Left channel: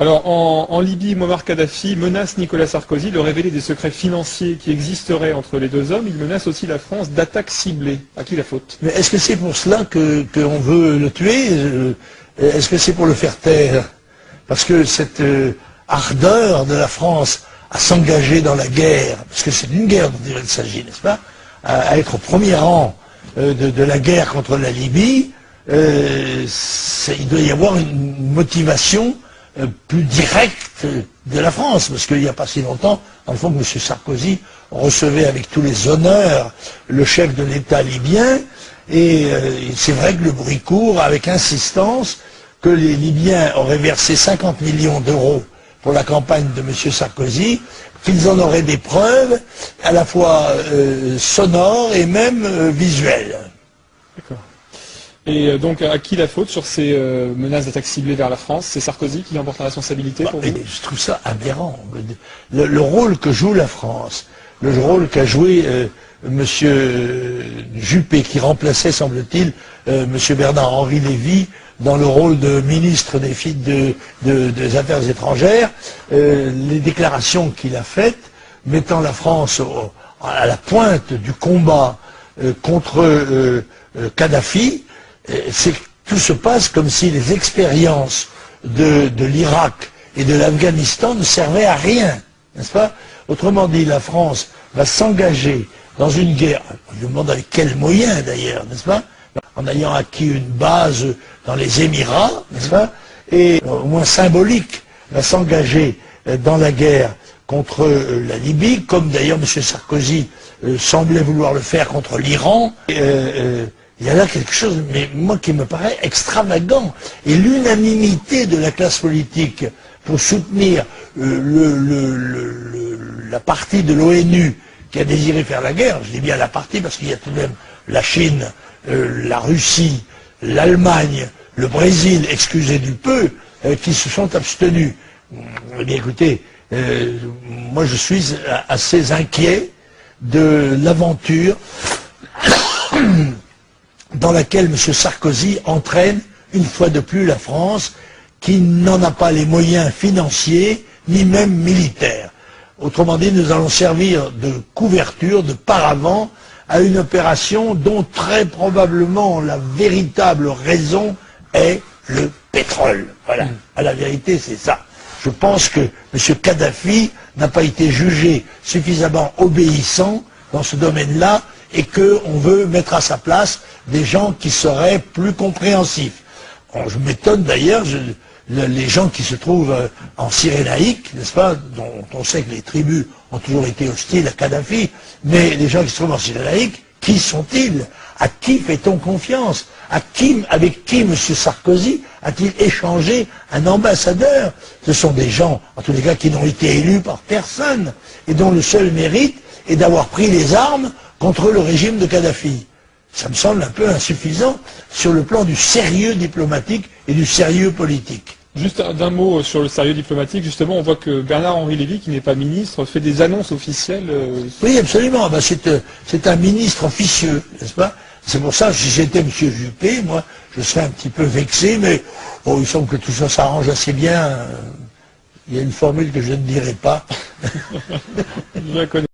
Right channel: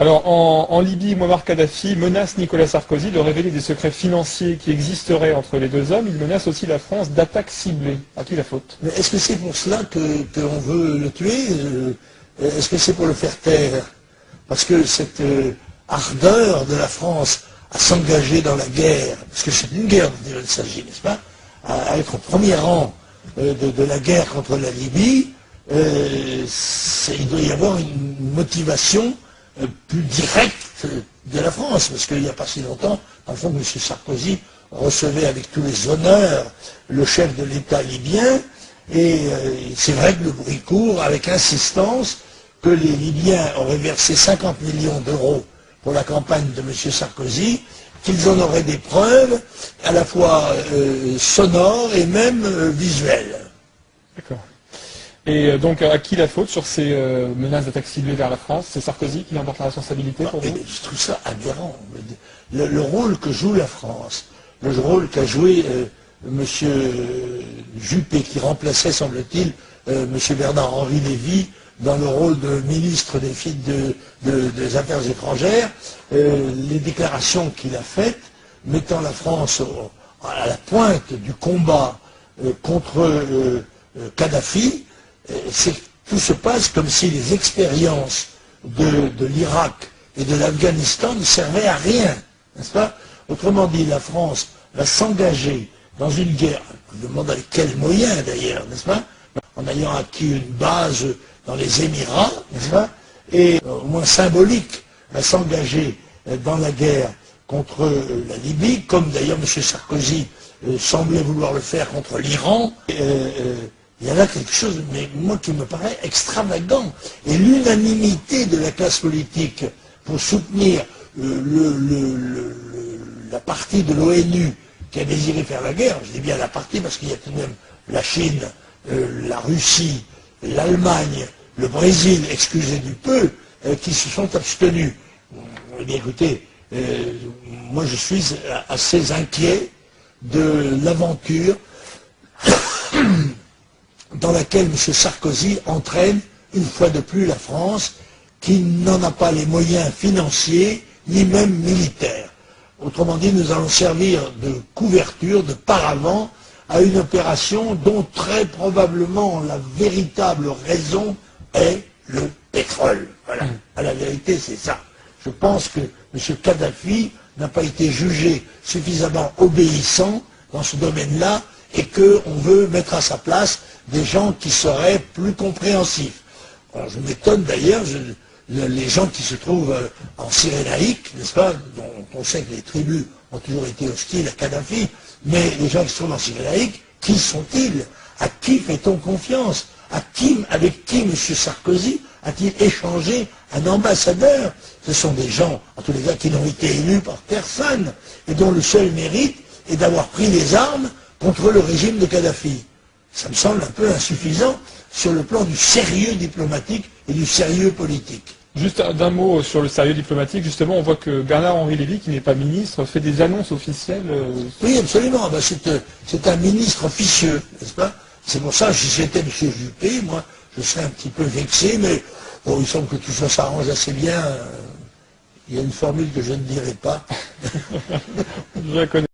Alors, en Libye, Mouammar Kadhafi menace Nicolas Sarkozy de révéler des secrets financiers qui existeraient entre les deux hommes. Il menace aussi la France d'attaques ciblées. À qui la faute? Mais est-ce que c'est pour cela qu'on veut le tuer? Est-ce que c'est pour le faire taire? Parce que cette ardeur de la France à s'engager dans la guerre, parce que c'est une guerre dont il s'agit, n'est-ce pas, à être au premier rang de la guerre contre la Libye, il doit y avoir une motivation plus directe de la France, parce qu'il n'y a pas si longtemps, dans le fond, que M. Sarkozy recevait avec tous les honneurs le chef de l'État libyen, et c'est vrai que le bruit court avec insistance que les Libyens auraient versé 50 millions d'euros pour la campagne de M. Sarkozy, qu'ils en auraient des preuves à la fois sonores et même visuelles. D'accord. Et donc, à qui la faute sur ces menaces d'attaque ciblées vers la France? C'est Sarkozy qui en porte la responsabilité pour vous? Je trouve ça aberrant. Le rôle que joue la France, le rôle qu'a joué M. Juppé, qui remplaçait, semble-t-il, M. Bernard-Henri Lévy, dans le rôle de ministre des Affaires étrangères, les déclarations qu'il a faites, mettant la France à la pointe du combat contre Kadhafi, tout se passe comme si les expériences de l'Irak et de l'Afghanistan ne servaient à rien, n'est-ce pas? Autrement dit, la France va s'engager dans une guerre, je me demande avec quels moyens d'ailleurs, n'est-ce pas? En ayant acquis une base dans les Émirats, n'est-ce pas? Et au moins symbolique, va s'engager dans la guerre contre la Libye, comme d'ailleurs M. Sarkozy semblait vouloir le faire contre l'Iran. Il y a là quelque chose, mais moi, qui me paraît extravagant. Et l'unanimité de la classe politique pour soutenir la partie de l'ONU qui a désiré faire la guerre, je dis bien la partie parce qu'il y a tout de même la Chine, la Russie, l'Allemagne, le Brésil, excusez du peu, qui se sont abstenus. Eh bien écoutez, moi je suis assez inquiet de l'aventure dans laquelle M. Sarkozy entraîne une fois de plus la France, qui n'en a pas les moyens financiers, ni même militaires. Autrement dit, nous allons servir de couverture, de paravent, à une opération dont très probablement la véritable raison est le pétrole. Voilà, à la vérité c'est ça. Je pense que M. Kadhafi n'a pas été jugé suffisamment obéissant dans ce domaine-là, et qu'on veut mettre à sa place des gens qui seraient plus compréhensifs. Bon, je m'étonne d'ailleurs, les gens qui se trouvent en Cyrénaïque, n'est-ce pas, dont on sait que les tribus ont toujours été hostiles à Kadhafi, mais les gens qui se trouvent en Cyrénaïque, qui sont-ils? À qui fait-on confiance? Avec qui M. Sarkozy a-t-il échangé un ambassadeur? Ce sont des gens, en tous les cas, qui n'ont été élus par personne, et dont le seul mérite est d'avoir pris les armes contre le régime de Kadhafi. Ça me semble un peu insuffisant sur le plan du sérieux diplomatique et du sérieux politique. Juste d'un mot sur le sérieux diplomatique, justement, on voit que Bernard-Henri Lévy, qui n'est pas ministre, fait des annonces officielles. Oui, absolument. Ben, c'est un ministre officieux, n'est-ce pas? C'est pour ça que si j'étais M. Juppé, moi, je serais un petit peu vexé, mais bon, il semble que tout ça s'arrange assez bien. Il y a une formule que je ne dirai pas. Je la connais.